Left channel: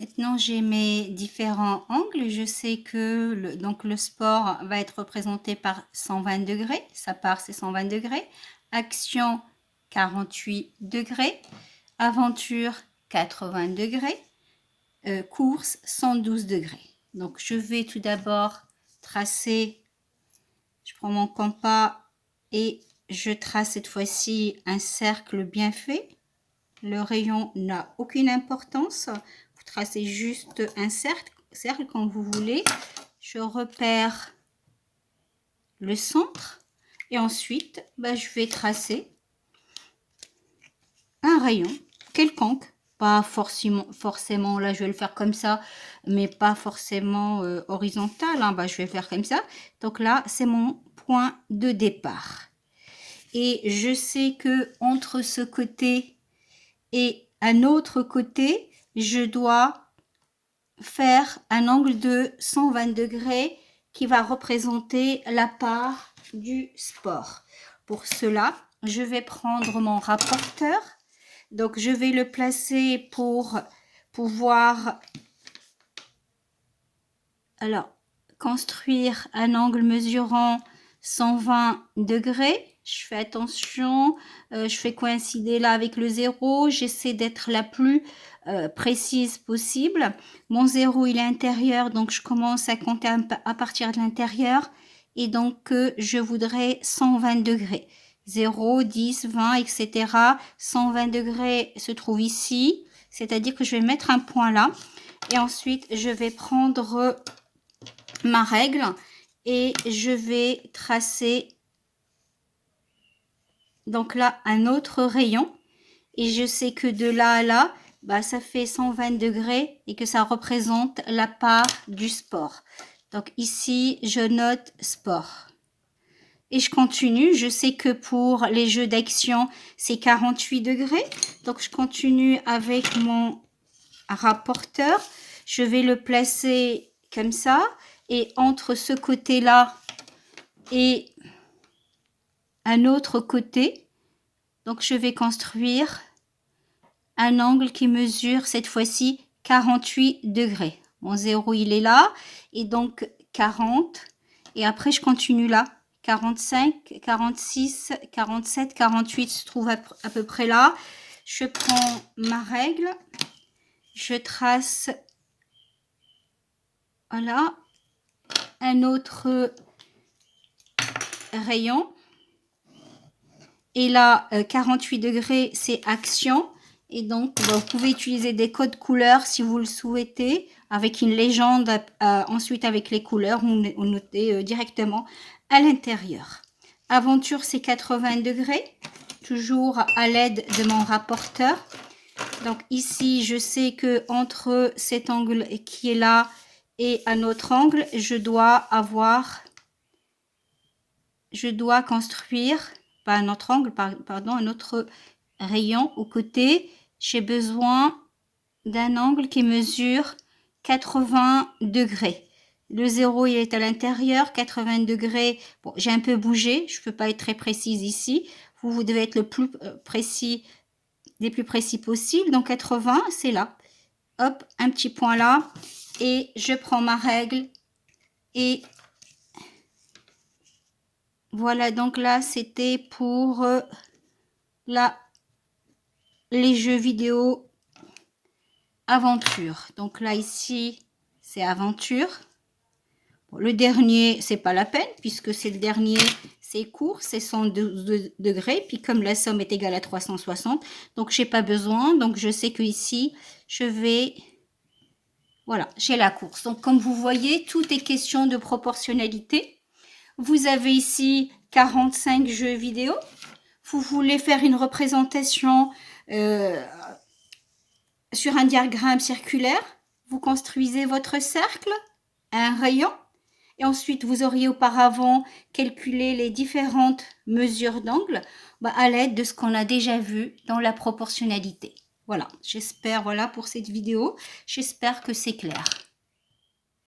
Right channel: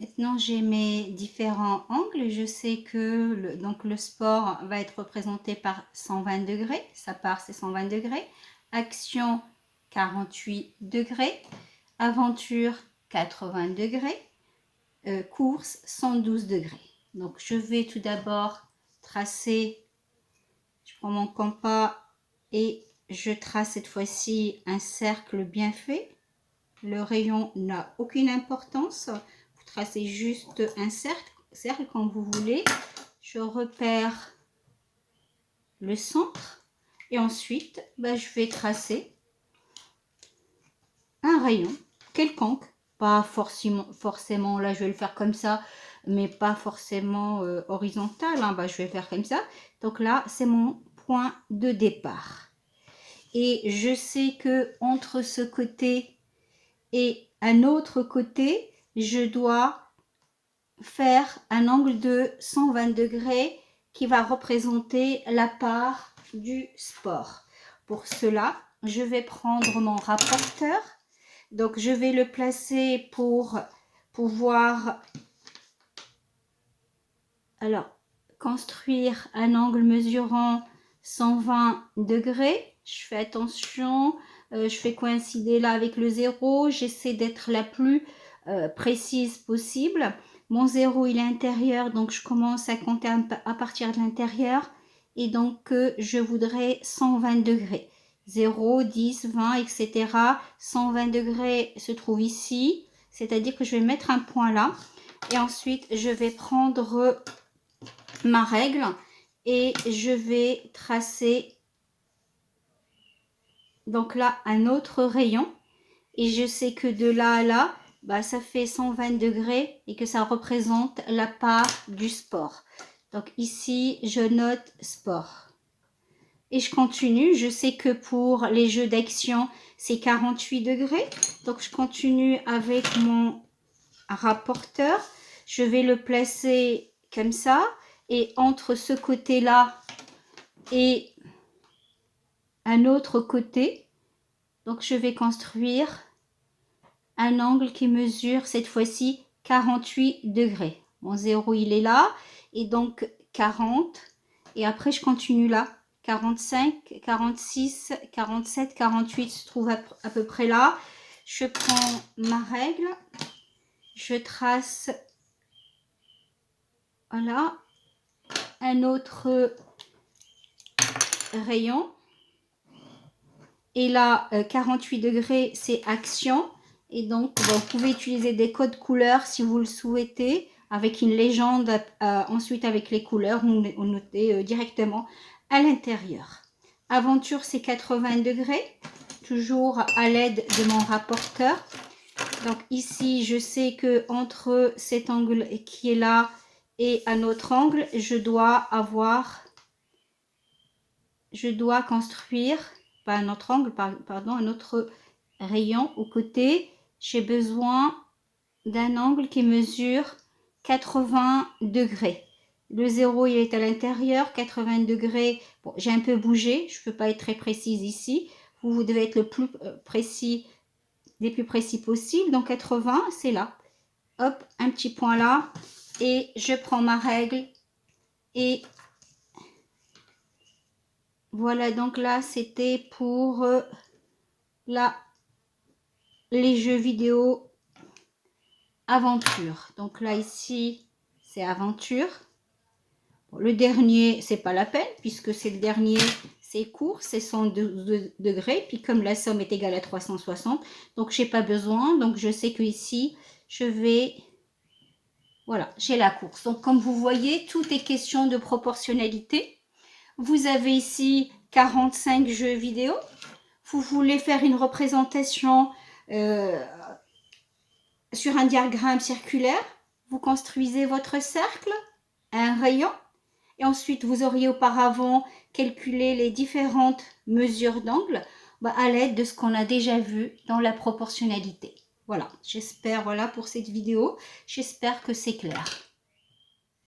Maintenant, j'ai mes différents angles. Je sais que le sport va être représenté par 120 degrés. Ça part, c'est 120 degrés. Action, 48 degrés. Aventure, 80 degrés. Course, 112 degrés. Donc, je vais tout d'abord tracer. Je prends mon compas et je trace cette fois-ci un cercle bien fait. Le rayon n'a aucune importance. Vous tracez juste un cercle quand vous voulez. Je repère le centre et ensuite, je vais tracer un rayon quelconque. Pas forcément, là je vais le faire comme ça, mais pas forcément horizontal. Hein. Je vais faire comme ça. Donc là, c'est mon point de départ. Et je sais que entre ce côté et un autre côté, je dois faire un angle de 120 degrés qui va représenter la part du sport. Pour cela, je vais prendre mon rapporteur. Donc, je vais le placer pour pouvoir construire un angle mesurant 120 degrés. Je fais attention, je fais coïncider là avec le 0. J'essaie d'être la plus précise possible. Mon 0, il est intérieur, donc je commence à compter à partir de l'intérieur. Et donc, je voudrais 120 degrés. 0, 10, 20, etc. 120 degrés se trouve ici. C'est-à-dire que je vais mettre un point là. Et ensuite, je vais prendre ma règle et je vais tracer donc là un autre rayon et je sais que de là à là ça fait 120 degrés et que ça représente la part du sport. Donc ici je note sport et je continue. Je sais que pour les jeux d'action c'est 48 degrés, donc je continue avec mon rapporteur. Je vais le placer comme ça. Et entre ce côté-là et un autre côté, donc je vais construire un angle qui mesure cette fois-ci 48 degrés. Mon 0, il est là. Et donc 40. Et après, je continue là. 45, 46, 47, 48 se trouve à peu près là. Je prends ma règle. Je trace, voilà, un autre rayon. Et là, 48 degrés, c'est action. Et donc, vous pouvez utiliser des codes couleurs si vous le souhaitez, avec une légende, ensuite avec les couleurs, on notez directement à l'intérieur. Aventure, c'est 80 degrés, toujours à l'aide de mon rapporteur. Donc ici, je sais que entre cet angle qui est là et un autre angle, je dois construire, pas un autre angle, pardon, un autre rayon au côté. J'ai besoin d'un angle qui mesure 80 degrés. Le 0, il est à l'intérieur, 80 degrés. Bon, j'ai un peu bougé, je ne peux pas être très précise ici. Vous devez être le plus précis, les plus précis possible. Donc 80, c'est là. Hop, un petit point là. Et je prends ma règle et voilà, donc là, c'était pour les jeux vidéo aventure. Donc là, ici, c'est aventure. Bon, le dernier, c'est pas la peine, puisque c'est le dernier, c'est court, c'est 112 degrés. Puis comme la somme est égale à 360, donc j'ai pas besoin. Donc je sais que ici, je vais... Voilà, j'ai la course. Donc comme vous voyez, tout est question de proportionnalité. Vous avez ici 45 jeux vidéo. Vous voulez faire une représentation sur un diagramme circulaire. Vous construisez votre cercle, un rayon. Et ensuite, vous auriez auparavant calculé les différentes mesures d'angle à l'aide de ce qu'on a déjà vu dans la proportionnalité. Voilà, j'espère, voilà pour cette vidéo. J'espère que c'est clair.